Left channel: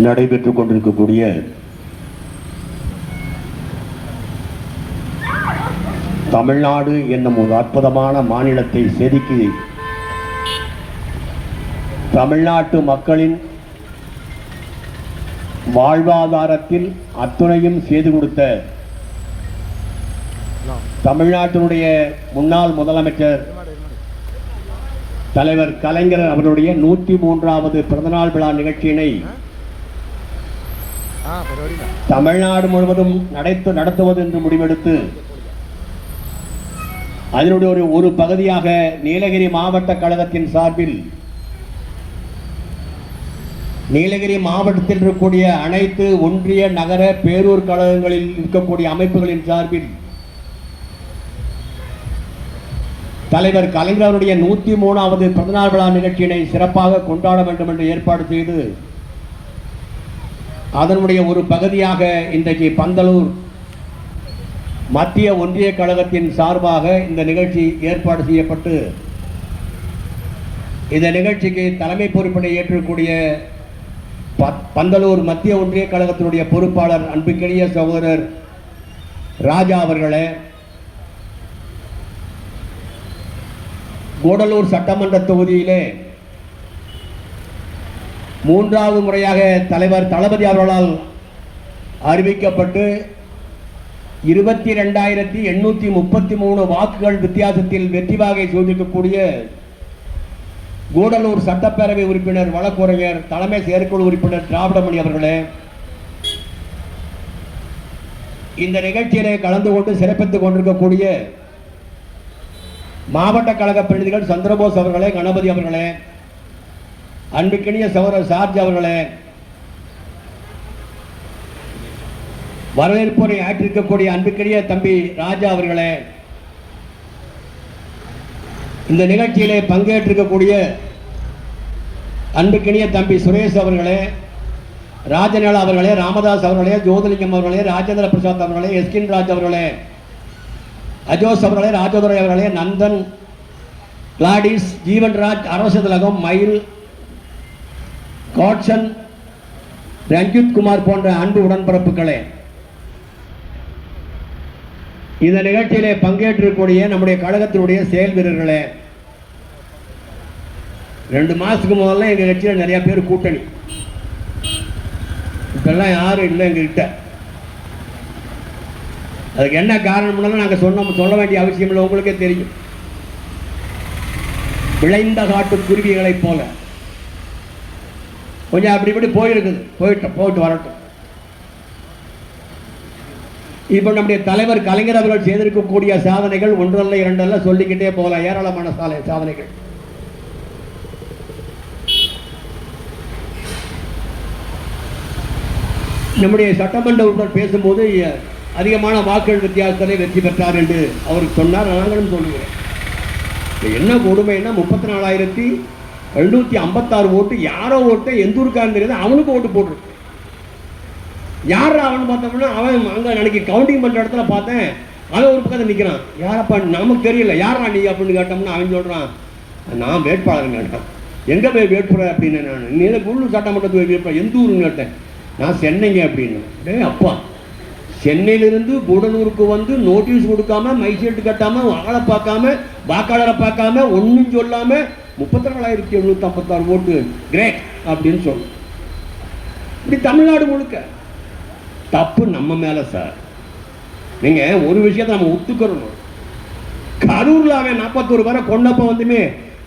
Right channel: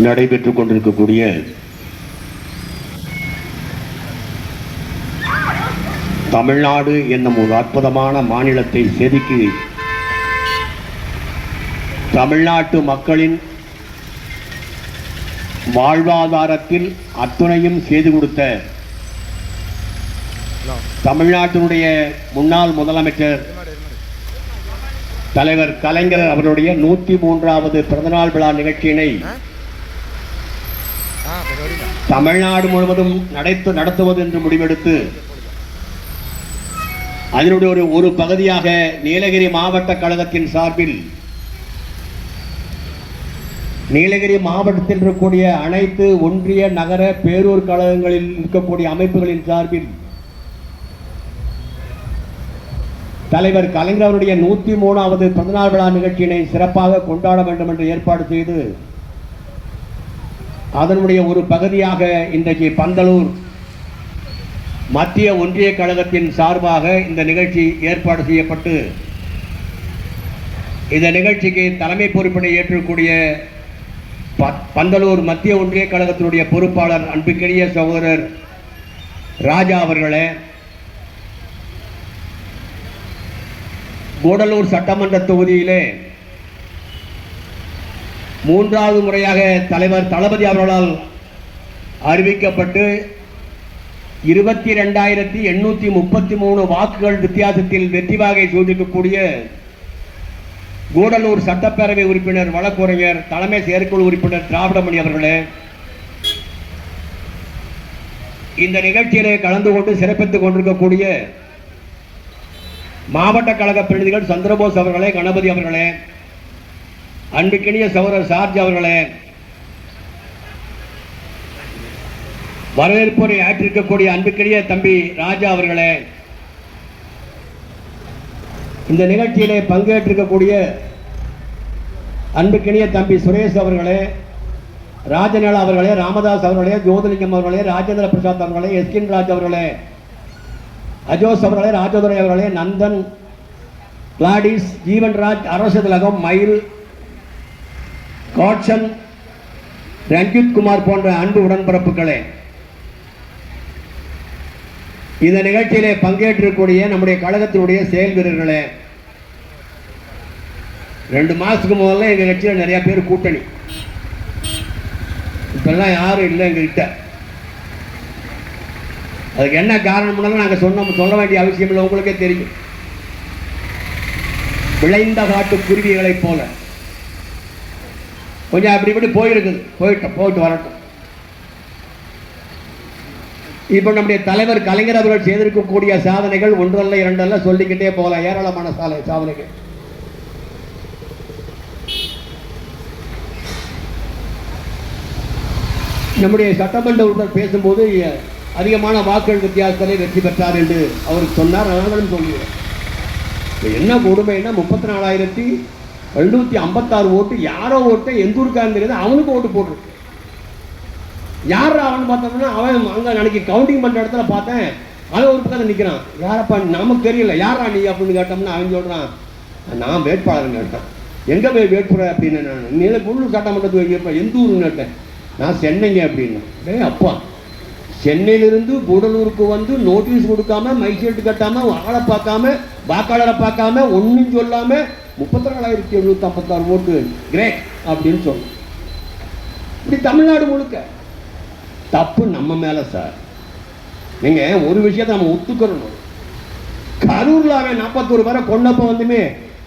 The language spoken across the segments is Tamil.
நடைபெற்றுக் கொண்டிருக்கக்கூடிய தமிழ்நாடு என்னும் ஒரு அற்புதமான மாநிலத்தை செதுக்கி தமிழ்நாட்டு மக்களின் வாழ்வாதாரத்தில் அத்துணையும் செய்து கொடுத்த தமிழ்நாட்டினுடைய முன்னாள் முதலமைச்சர் தலைவர் கலைஞர் அவருடைய 103வது பிறந்தநாள் விழா நிகழ்ச்சியினை தமிழ்நாடு முழுவதும் நடத்துவது என்று முடிவெடுத்து அதனுடைய ஒரு பகுதியாக நீலகிரி மாவட்ட கழகத்தின் சார்பில் நீலகிரி மாவட்டத்தில் இருக்கக்கூடிய அனைத்து ஒன்றிய நகர பேரூர் கழகங்களில் இருக்கக்கூடிய அமைப்புகளின் சார்பில் தலைவர் கலைஞர் அவருடைய 103வது பிறந்தநாள் விழா நிகழ்ச்சியினை சிறப்பாக கொண்டாட வேண்டும் என்று ஏற்பாடு செய்து அதனுடைய ஒரு பகுதியாக இன்றைக்கு பந்தலூர் மத்திய ஒன்றிய கழகத்தின் சார்பாக இந்த நிகழ்ச்சி ஏற்பாடு செய்யப்பட்டு இந்த நிகழ்ச்சிக்கு தலைமை பொறுப்பினை ஏற்றக்கூடிய பந்தலூர் மத்திய ஒன்றிய கழகத்தினுடைய பொறுப்பாளர் அன்புக்கினிய சகோதரர் ராஜா அவர்களே, கூடலூர் சட்டமன்ற தொகுதியிலே 3வது முறையாக தலைவர் தளபதி அவர்களால் அறிவிக்கப்பட்டு 22,833 வாக்குகள் வித்தியாசத்தில் வெற்றி வாகை சூடிக்கக்கூடிய கூடலூர் சட்டப்பேரவை உறுப்பினர் வழக்குரைஞர் தலைமை செயற்குழு உறுப்பினர் திராவிடமணி அவர்களே, இந்த நிகழ்ச்சியிலே கலந்து கொண்டு சிறப்பித்துக் கொண்டிருக்கக்கூடிய மாவட்ட கழக பிரதிநிதிகள் சந்திரபோஸ் அவர்களே, கணபதி அவர்களே, அன்புக்கினிய சகோதரர் சார்ஜ் அவர்களே, வரவேற்புரை ஆற்றிருக்கக்கூடிய அன்புக்கினிய தம்பி ராஜா அவர்களே, இந்த நிகழ்ச்சியிலே பங்கேற்றிருக்கக்கூடிய அன்புக்கினிய தம்பி சுரேஷ் அவர்களே, ராஜநேலா அவர்களே, ராமதாஸ் அவர்களே, ஜோதிலிங்கம் அவர்களே, ராஜேந்திர பிரசாத் அவர்களே, எஸ்கின் ராஜ் அவர்களே, அஜோஸ் அவர்களே, ராஜதுரை அவர்களே, நந்தன், கிளாடிஸ், ஜீவன்ராஜ், அரசதலகம், மயில், காட்சன், ரஞ்சித் குமார் போன்ற அன்பு உடன்பிறப்புகளே, இந்த நிகழ்ச்சியிலே பங்கேற்றிருக்கக்கூடிய நம்முடைய கழகத்தினுடைய செயல் வீரர்களே, 2 மாசத்துக்கு முதல்ல எங்க கட்சியில் நிறைய பேர் கூட்டணி, இப்பெல்லாம் யாரும் இல்லை எங்ககிட்ட. அதுக்கு என்ன காரணம் நாங்கள் சொல்ல வேண்டிய அவசியம் இல்லை, உங்களுக்கே தெரியும். விளைந்த காட்டு குருவிகளைப் போல கொஞ்சம் அப்படி இப்படி போயிருக்குது, போயிட்டு வரட்டும். இப்போ நம்முடைய தலைவர் கலைஞர் அவர்கள் செய்திருக்கக்கூடிய சாதனைகள் ஒன்றல்ல இரண்டல்ல சொல்லிக்கிட்டே போகலாம், ஏராளமான சாதனைகள். நம்முடைய சட்டமன்ற உறுப்பினர் பேசும்போது அதிகமான வாக்குகள் வித்தியாசத்தை வெற்றி பெற்றார் என்று அவர் சொன்னார். நாங்களும் சொல்கிறோம். என்ன கொடுமைன்னா 34,756 ஓட்டு, யாரோ ஓட்டு எந்த ஊருக்காரன் தெரியாது, அவனுக்கு ஓட்டு போட்டிருக்கு. யார் அவன் பார்த்தோம்னா அவன் அங்கே அன்னைக்கு கவுண்டிங் பண்ணுற இடத்துல பார்த்தேன், அவன் ஒரு பக்கத்தில் நிற்கிறான். யாரப்பா நமக்கு தெரியல, யாரா நீ அப்படின்னு கேட்டோம்னா அவன் சொல்கிறான், நான் வேட்பாளர் கேட்டேன். எங்கே போய் வேட்பாளர் அப்படின்னு நான் நீல உள்ளூர் சட்டமன்றத்துக்கு வேட்பாளர் எந்த ஊருன்னு கேட்டேன். நான் சென்னைங்க அப்படின்னு. அப்பா, சென்னையிலிருந்து கூடலூருக்கு வந்து நோட்டீஸ் கொடுக்காம, மைசீட்டு கட்டாம, ஆளை பார்க்காம, வாக்காளரை பார்க்காம, ஒன்றும் சொல்லாம 34,756 ஓட்டு கிரேட் அப்படின்னு சொல்லு. இப்படி தமிழ்நாடு முழுக்க தப்பு நம்ம மேல சார். நீங்க ஒரு விஷயத்தை நம்ம ஒத்துக்கிறோம். கரூர்ல அவன் 41 பேரை கொண்டப்ப வந்துமே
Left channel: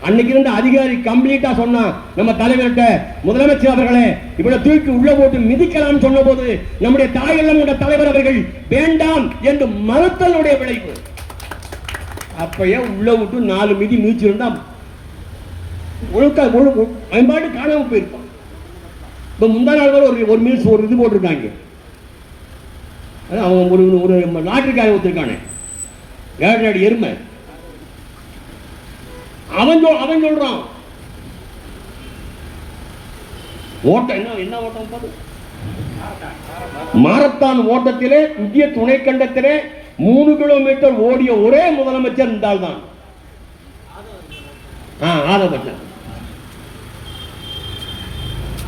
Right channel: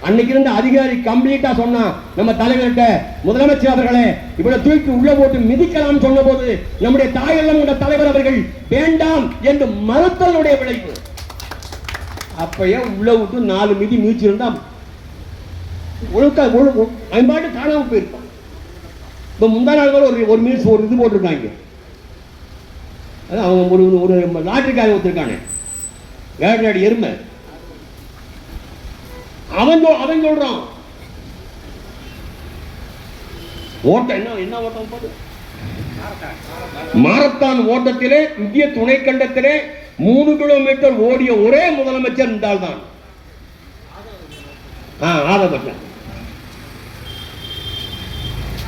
அன்னைக்கு இருந்த அதிகாரி கம்ப்ளீட்டா சொன்னா, நம்ம தலைவர்கிட்ட முதலமைச்சர் அவர்களே இவ்வளவு தூக்கி உள்ள போட்டு மிதிக்கலாம் சொன்ன போது நம்முடைய தாயெல்லாம் தலைவர் அவர்கள் வேண்டாம் என்று மறுத்தலுடைய விளைவு. அப்பயே உள்ள விட்டு 4 மிதி மீச்சிருந்தா பாட்டு காணாம போயிருப்பான். இப்ப முந்தா நாள் ஒரு மீல்ஸ் ஒரு இது போட்டிருக்காங்க. அவன் ஒரு லாட்டரிக்காக ஒருத்திருக்கானே, ஏழு எருமை, அவன் சொல்றான் ஓட்டம் என்ன ஓட்டம் பாரு. மாரத்தான் ஓட்டத்திலே இந்திய துணைக்கண்டத்திலே 3 கிலோமீட்டர் ஓடிய ஒரே முதலமைச்சர் என்றால் தான் ஆதவன்.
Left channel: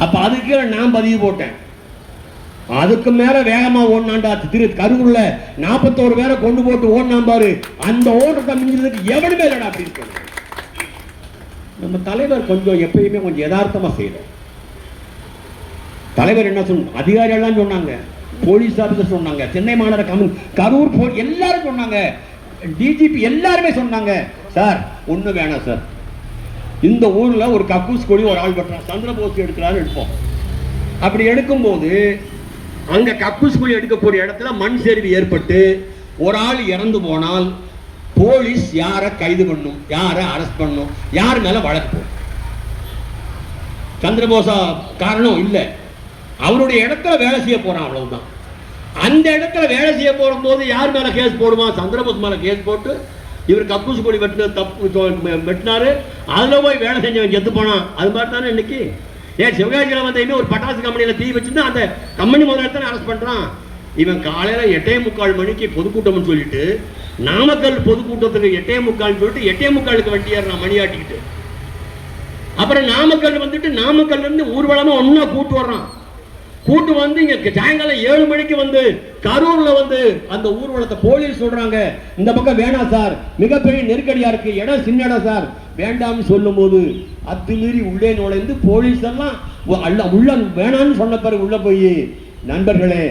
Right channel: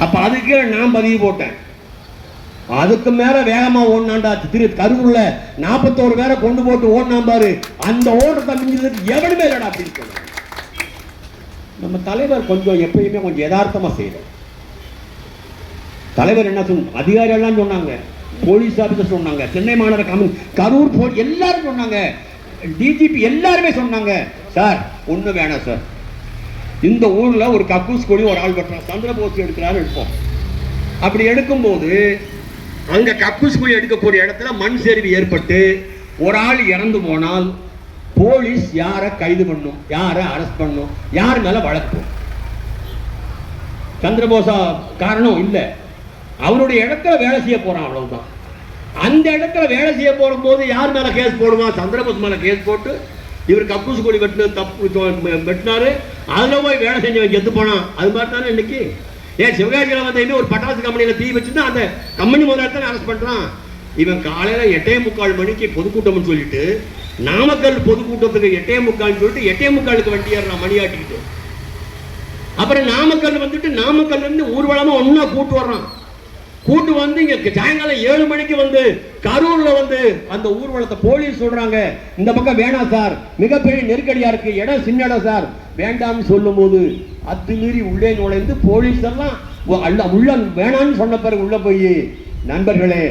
அப்ப அதுக்கு நான் பதிவு போட்டேன். அதுக்கு மேல வேகமா ஓடினாண்டா கரூர்ல 41 பேரை கொண்டு போட்டு ஓடினா பாரு, அந்த ஓட்டத்தை மிஞ்சதுக்கு எவனுமே இல்லடா அப்படின்னு. நம்ம தலைவர் கொஞ்சம் எப்பயுமே கொஞ்சம் யதார்த்தமா செய்யறார். தலைவர் என்ன சொன்ன, அதிகாரிகள் எல்லாம் சொன்னாங்க, போலீஸ் ஆபீசர் சொன்னாங்க, சென்னை மாநகர கரூர் எல்லாரும் சொன்னாங்க, டிஜிபி எல்லாருமே சொன்னாங்க, சார் ஒண்ணு வேணாம் சார், இந்த ஊர்ல ஒரு கக்கூஸ் கொடி ஒரு ஆள் கட்டுறான், சந்திரபோஸ் எடுக்கிறாரு எடுப்போம். அப்படி எடுக்கும்போது அங்க கக்கூஸ் கொடி எடுக்கக்கூடிய இடத்துல மண் சரிவு ஏற்பட்டு ஒரு ஆள் இறந்து போனால் போலீஸ் யாரை கைது பண்ணும், யாரை அரெஸ்ட் பண்ணும், யார் மேல வழக்கு? சந்திரபோசா காரணம் இல்ல, அவருடைய இடத்துல வேலை செய்ய போறான், அவ்வளவுதான். அந்த இடத்துல வேலை செய்ய போற போது யார் மேல கேஸ் போடுவான்? சந்திரபோஸ் மேல கேஸ் போட்டு இவர் கக்கூஸ் கொடி வெட்டினாரு, அதுல போய் வேலை செஞ்சவன் செத்து போனான். அது மாதிரி தானே இன்னைக்கு. ஏன் சிவகாசியில வந்து இன்னும் ஒரு பட்டாசு கம்பெனியில தீ வச்சுன்னா அந்த கம்பெனி முதலாளி அரெஸ்ட் பண்றான். இவன் காலையில 8:45 மணிக்கு பொதுக்கூட்டம் சொல்லிட்டு நாமக்கல் பொதுக்கூட்டத்துக்கு 8:45 சொல்லிட்டு 8:45 வண்டி ஏறான் மணி ஆட்டிக்கிட்டு. அப்புறம் நாமக்கல் வந்துட்டு நாமக்கல் இருந்து ஊர்வலமா ஒன்னா கூட்டு வர்றான். கூட்டு வந்து இங்க சாயங்காலம் 7 மணிக்கு வந்து கரூர்ல வந்து அந்த ஊர்வலத்தை போலீஸ் சொல்றாங்க, இந்த பக்கம் வேணாம் சார், மிகப்பெரிய நெருக்கடியா இருக்கு, இடம் சின்ன இடம் சார், வேண்டாம்னு சொல்லும் போது அத்துமீறி உள்ளே நுழைந்து போலீஸ் எல்லாம் உள்ள வேணாம்னு சொன்ன பிறகு உள்ள போய், நண்பர்களே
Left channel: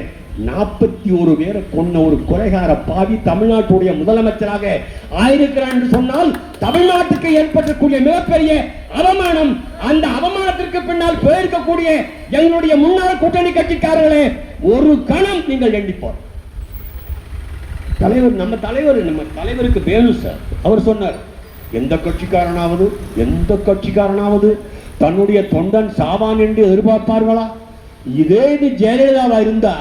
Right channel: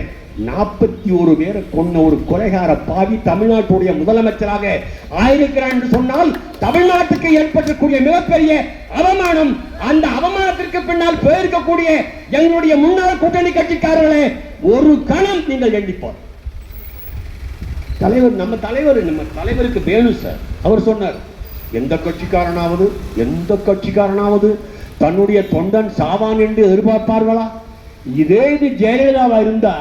41 பேரை கொண்ட ஒரு கொலைகார பாவி தமிழ்நாட்டுடைய முதலமைச்சராக ஆயிருக்கிறார் என்று சொன்னால் தமிழ்நாட்டுக்கு ஏற்பட்டக்கூடிய மிகப்பெரிய அவமானம். அந்த அவமானத்திற்கு பின்னால் போயிருக்கக்கூடிய எங்களுடைய முன்னாள் கூட்டணி கட்சிக்காரர்களே, ஒரு கணம் நீங்கள் எண்ணிப்போம். தலைவர் நம்ம தலைவருக்கு வேணும் சார். அவர் சொன்னார், எந்த கட்சிக்காரனாவது தன்னுடைய தொண்டன் சாவான் என்று எதிர்பார்ப்பார்களா? இதே இது ஜெயலலிதாவா இருந்தா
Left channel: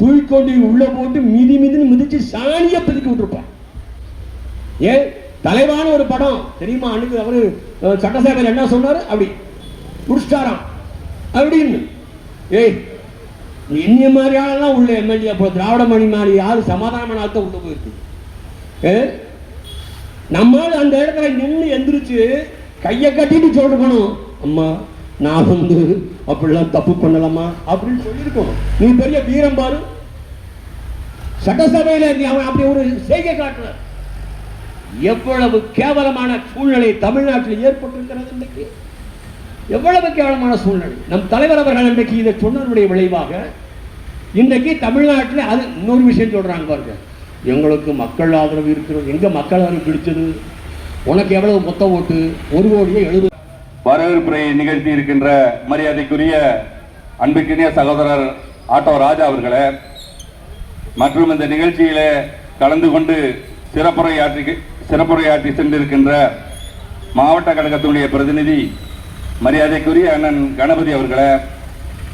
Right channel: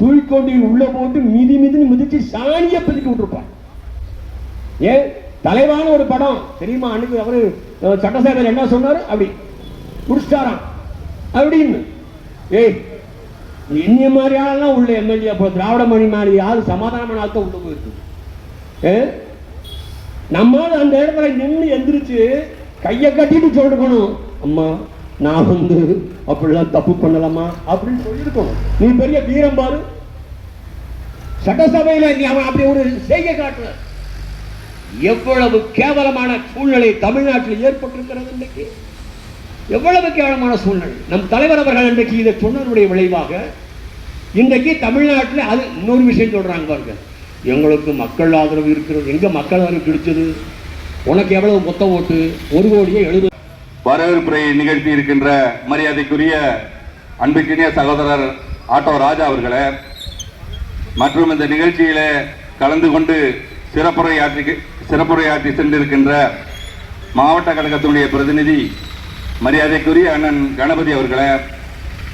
தூக்கொண்டு உள்ள போட்டு மிதிச்சு சாணியை பெருக்கி விட்டுருப்பான். ஏன் தலைவான ஒரு படம் தெரியுமா? அன்னைக்கு அவரு சட்டசபையில் என்ன சொன்னாரு, அப்படி முடிச்சிட்டாராம் அப்படின்னு. ஏய், இன்னிய மாதிரியாலாம் உள்ள எம்எல்ஏ திராவிட மணி மாதிரி யாரு சமாதானமான ஆத்த உள்ள போயிருக்கு. நம்மால் அந்த இடத்துல நின்று எந்திரிச்சு கையை கட்டிட்டு சொல்லிருக்கணும், அம்மா நான் வந்து அப்படிலாம் தப்பு பண்ணலாமா அப்படின்னு சொல்லியிருக்கணும். நீ பெரிய வீரம் பாரு, சட்டசபையில நீ அவன் அப்படி ஒரு செய்கை காட்டுற. எவ்வளவு கேவலமான சூழ்நிலை தமிழ்நாட்டில் ஏற்பட்டிருக்கிறது இன்னைக்கு, எவ்வளவு கேவலமான சூழ்நிலை. நம் தலைவர் அவர்கள் இன்றைக்கு இதை சொன்னதனுடைய விளைவாக இன்றைக்கு தமிழ்நாட்டில் அது இன்னொரு விஷயம் சொல்றாங்க பாருங்க, எங்களுக்கு மக்கள் ஆதரவு இருக்கிறது. எங்க மக்கள் ஆதரவு பிடிச்சது? உனக்கு எவ்வளவு மொத்த ஓட்டு? 1,70,000,000. வரவேற்புரை நிகழ்த்தி இருக்கின்ற மரியாதைக்குரிய அன்புக்கினிய சகோதரர் ஆட்டோ ராஜா அவர்களே, மற்றும் இந்த நிகழ்ச்சியில கலந்து கொண்டு சிறப்புரையாற்றி சென்றிருக்கின்ற மாவட்ட கழகத்தினுடைய பிரதிநிதி மரியாதைக்குரிய அண்ணன் கணபதி அவர்களே,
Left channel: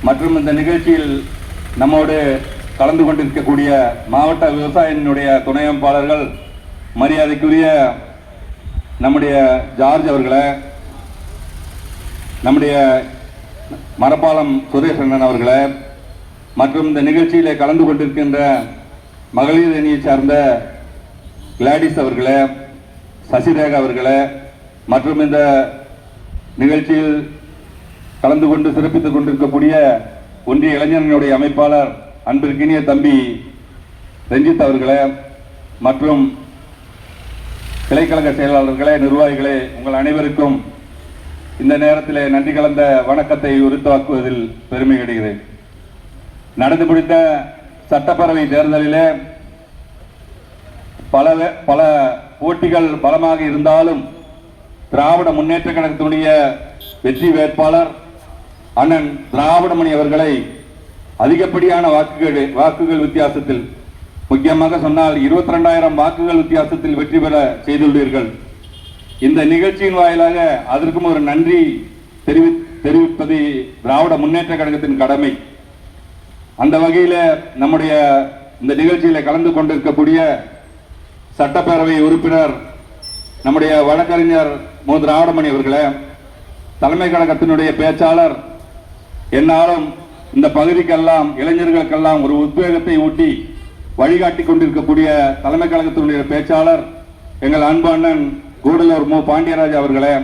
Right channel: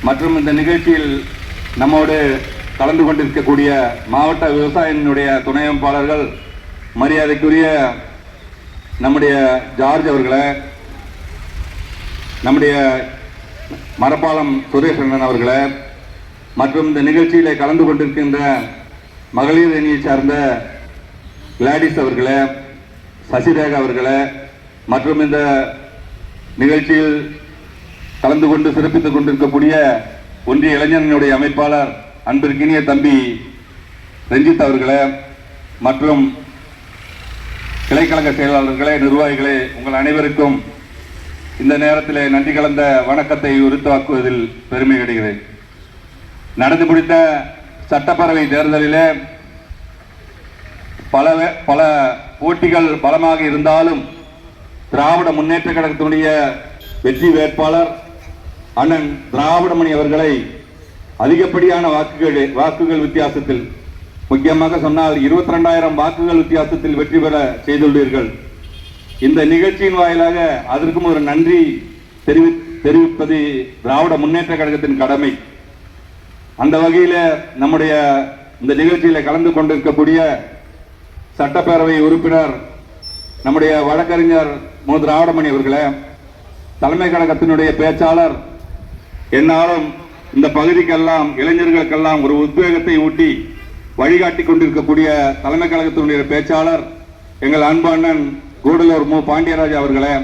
மற்றும் இந்த நிகழ்ச்சியில் நம்மோடு கலந்து கொண்டிருக்கக்கூடிய மாவட்ட விவசாயினுடைய துணை அமைப்பாளர்கள் மரியாதைக்குரிய நம்முடைய ஜார்ஜ் அவர்களே, நம்முடைய மரப்பாலம் சுரேஷன் அவர்களே, மற்றும் இந்த நிகழ்ச்சியிலே கலந்து கொண்டிருக்கின்ற மகளிர் அணியை சார்ந்த கிளாடிஸ் அவர்களே, சசிரேகா அவர்களே, மற்றும் இந்த நிகழ்ச்சியில் கலந்து கொண்டு சிறப்பித்துக் கொண்டிருக்கக்கூடிய ஒன்றிய இளைஞர்களுடைய அமைப்பாளர் அன்பிற்கினிய தம்பி ரஞ்சித் அவர்களே, மற்றும் கிளைக்கழக செயலாளர்களே, நிர்வாகிகளே, உங்கள் அனைவருக்கும் இந்த நேரத்தில் நன்றி கலந்த வணக்கத்தை உரித்தாக்குவதில் பெருமை அடைகிறேன். நடந்து முடிந்த சட்டப்பேரவை தேர்தலிலே பல போட்டிகள் பலமாக இருந்தாலும் திராவிட முன்னேற்ற கழகத்தினுடைய வெற்றி வேட்பாளர் அண்ணன் திராவிடமணி அவர்களை அதிகப்படியான வாக்குகள் வித்தியாசத்தில், முக்கியமாக சொன்னால் 22,000 வாக்குகள் வித்தியாசத்தில் வெற்றி பெற செய்துள்ளீர்கள். இந்த நிகழ்ச்சியின் வாயிலாக அதற்கும் ஒரு நன்றி தெரிவிப்பது திராவிட முன்னேற்ற கழகத்தின் கடமை. அந்த வகையில் நம்முடைய இந்த நிகழ்ச்சியில கலந்து கொண்டிருக்கக்கூடிய சட்டப்பேரவை உறுப்பினர் நம்முடைய வழக்கறிஞர் மு. திராவிடமணி அவர்களே, தலைமை கழகத்தினுடைய பேச்சாளர், என்னாலும் இந்த பகுதிக்கெல்லாம் இளைஞர்களுக்கெல்லாம் ஒரு உத்வேகத்தை ஊட்டி வழிகாட்டி கொண்டிருக்கக்கூடிய தலைமை கழகத்தினுடைய பேச்சாளர் எங்கள் அன்பு அண்ணன் கூடலூர் மு. பாண்டியராஜ் அவர்களே,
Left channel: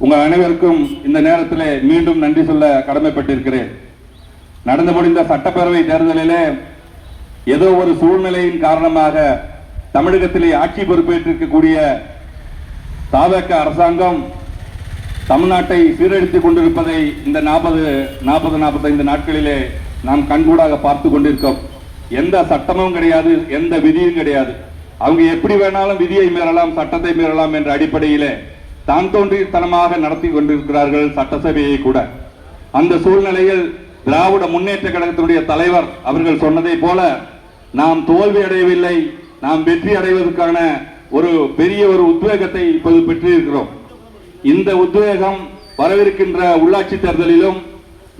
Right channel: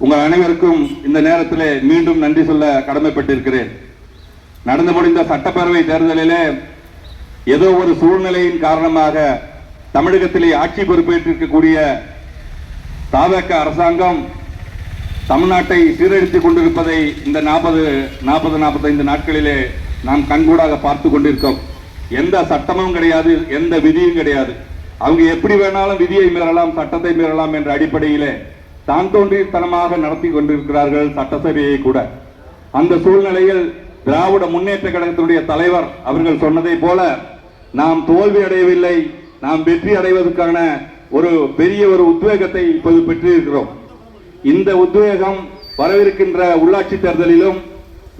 உங்கள் அனைவருக்கும் இந்த நேரத்தில் மீண்டும் நன்றி சொல்ல கடமைப்பட்டிருக்கிறேன். நடந்து முடிந்த சட்டப்பேரவை தேர்தலிலே ஏதோ ஒரு சூழ்நிலையின் காரணமாக தமிழகத்திலே ஆட்சி பொறுப்பேற்றிருக்கக்கூடிய தாவக அரசாங்கம் தமிழ்நாட்டை சீரழித்துக் கொண்டிருப்பதை இந்த 45 நாட்களிலே நாம் கண்கூடாக பார்த்து கொண்டிருக்கோம். எந்த சட்டமும் கிடையாது, எந்த விதியும் கிடையாது. அவங்க எப்படி வேணாலும் விதியை மீறலாம், சட்டத்தை மீறலாம் என்ற அடிப்படையிலே தான் தோன்றித்தனமாக நடத்தி கொண்டிருக்கிறார்கள் சட்டசபையை கூட. அந்த சூழ்நிலையில் திராவிட முன்னேற்ற கழகத்தினுடைய தலைவர் அவர்கள் சொன்னதை போல நாம் தோல்வி அடையவில்லை, நாம் வெற்றி அடைவதற்கான ஒரு பெரிய ஒரு உத்வேகத்தை இப்போது பெற்றிருக்கிறோம். இந்த உத்வேகம் வரவிருக்கின்ற உள்ளாட்சி தேர்தலிலும்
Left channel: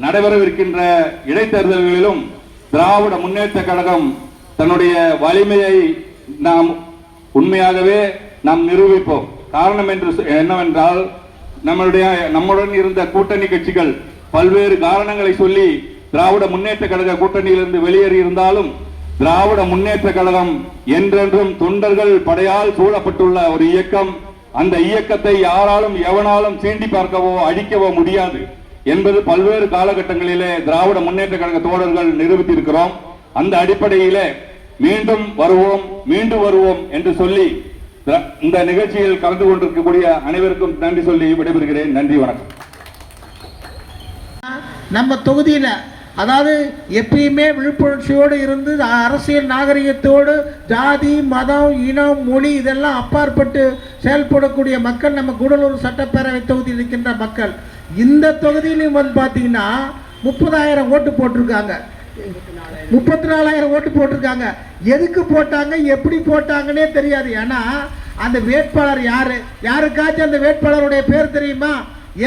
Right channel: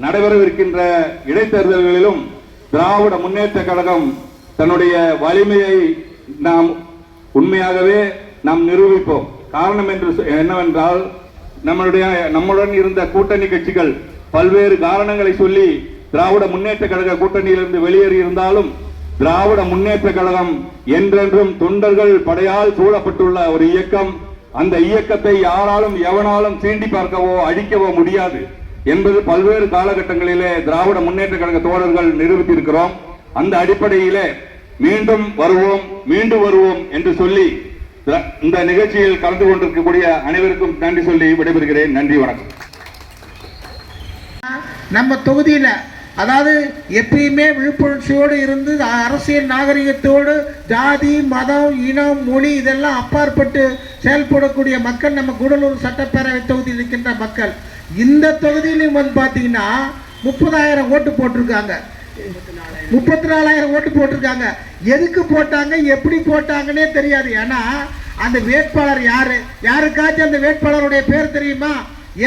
நடைபெறவிருக்கின்ற இடைத்தேர்தல்களிலும் திராவிட முன்னேற்ற கழகம் தன்னுடைய வலிமையை நாம் உண்மையாகவே நாம் நிரூபிப்போம். காரணம் என்னவென்றால் நம்முடன் இருந்த கூட்டணி கட்சிகள் பல்வேறு காரணங்களை சொல்லி திராவிட முன்னேற்ற கழக கூட்டணியிலிருந்து வெளியேறி இருந்தாலும் திராவிட முன்னேற்ற கழகம் என்றென்றும் தொண்டர்கள் படையால் சூழப்பட்டுள்ள ஒரு இயக்கம். அந்த இயக்கத்தை யாராலும் எவனாலும் சீண்டி பார்க்கவோ அழிக்கவோ முடியாது என்பது பல்வேறு காலகட்டங்களிலே திராவிட முன்னேற்ற கழக தோழர்கள் நிரூபித்திருக்கிறோம். அந்த அடிப்படையிலே மீண்டும் வருவோம் என்று சொல்லி இந்த நிகழ்ச்சியில் கலந்து கொண்டிருக்கக்கூடிய அனைவருக்கும் நன்றி சொல்லி விடைபெறுகிறேன். நன்றி, வணக்கம். நம்ம தொகுதியில அதாவது எப்பயுமே விழிப்புணர்ச்சியோடு இருந்து அரசியல் நாகரிகத்தோடு ஜாதி மதம் இனம் மொழி இதெல்லாம் அப்பாற்பட்டு செயல்படக்கூடிய மக்கள் நம்ம கூடலூர் சட்டப்பேரவை தொகுதியில் இருக்கின்ற மக்கள். இந்த தொகுதியிலும் வந்து பார்த்தீங்கன்னா 30,000 ஓட்டு போட்டிருக்காங்க, 34,000 ஓட்டு போட்டிருக்காங்க. எதுக்கு போட்டாங்க, எப்படி போட்டாங்கன்னே தெரியாது. ஏன்னா அந்த வேட்பாளர் யாருக்காச்சும் அந்த வேட்பாளருடைய பேர் தெரியுமா?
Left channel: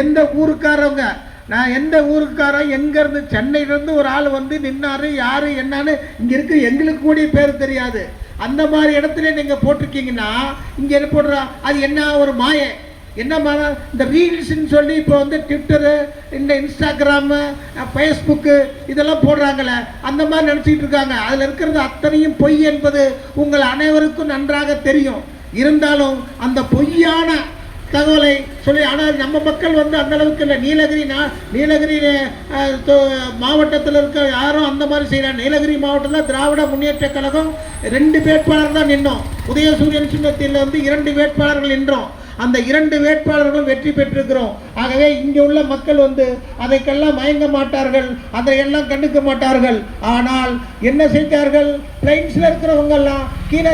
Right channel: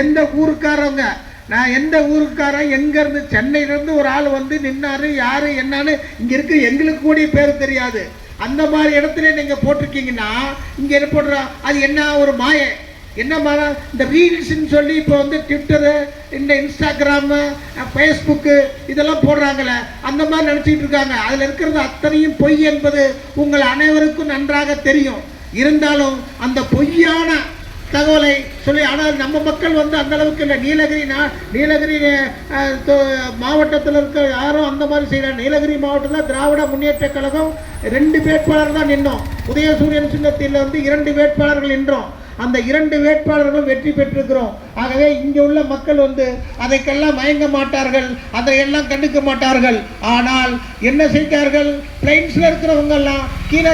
எந்த ஊருக்காரவங்க, நான் எந்த ஊருக்காரன் எங்கேருந்து சென்னையிலேருந்து ஒரு ஆள் வந்து நின்னாரு, யார் என்னன்னு இங்கே இருக்கு எங்களுக்கு கூட பேர் தெரியாது. அந்த மாதிரி இடத்துல நீங்கள் போட்டிருக்கீங்கன்னா இங்கே என்ன போடுறோம், அது என்ன ஒரு மாயை, என்ன இந்த ரீல்ஸ்ன்னு சொல்லி இப்போ வந்து ட்விட்டரு, இந்த இன்ஸ்டாகிராமு, ஃபேஸ்புக்கு இதெல்லாம் போடுறாங்களே, அந்த மாதிரி நினச்சிக்கிட்டு இருக்காங்க. அதில் இருக்கிறது அத்தனையும் பொய் என்பது உங்கள் அனைவருக்கும் நன்றாக தெரியும். இருந்தாலும் அந்த பொய்யான தகவலை சொல்லி, ஆனால் நம்ம மக்கள் வந்து அந்த அளவுக்கு இல்லை. நீலகிரி மாவட்டத்தில் இருக்க யாரும் அந்த மாதிரி செய்யலாம். நீலகிரி மாவட்டத்தில் திராவிட முன்னேற்ற கழகம் 2 வேட்பாளர் தான் நின்றோம். உதயசூரியன் சின்னத்தில் வந்து 2 வேட்பாளர்கள் நின்றோம். அந்த 2 வேட்பாளர்களும் வெற்றி பெற்றிருக்கிறோம். ஆகவே இங்கே உள்ள மக்கள் வந்து அதைக்கெல்லாம் மயங்க மாட்டார்கள், அதையெல்லாம் கண்டுக்க மாட்டார்கள். ஆனால் என்ன செய்தார்கள், பிளைன்ஸில் இருக்கிறவங்க எல்லாம்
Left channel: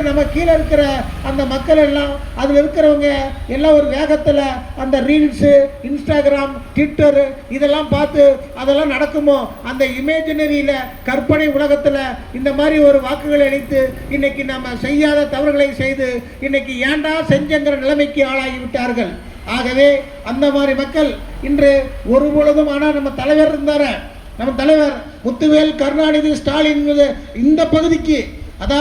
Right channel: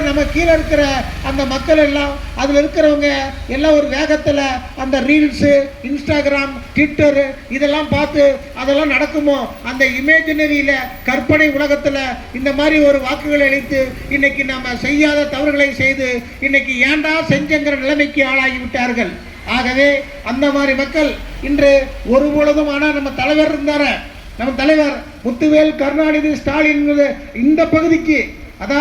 நம்ம கீழே இருக்கிற அந்த மக்கள் எல்லாம் அதில் இருக்கிறவங்க எல்லாம் ஒரு வேகத்தில் அந்த ரீல்ஸு, இன்ஸ்டாகிராம், ட்விட்டரு இதெல்லாம் பார்த்து அதெல்லாம் நடக்குமோ அந்த இமேஜினரியில் கற்பனை உலகத்தில் இந்த மாதிரி ஒரு வாக்குகளை அளித்து இன்னைக்கு நம்ம செய்யாத தவறுகளை செய்து இன்னைக்கு ஏண்டா செஞ்சங்கிற நிலைமைக்கு ஆளாகிவிட்டார்கள். ஆகவே அந்த மாதிரி மக்கள் இன்று ஒரு பொழுதும், ஆனால் நம்ம தலைவர் இருந்தார, நம்ம தலைவர் முத்துவேல் கருணாநிதி ஸ்டாலின் இந்த பகுதிக்கு, அதாவது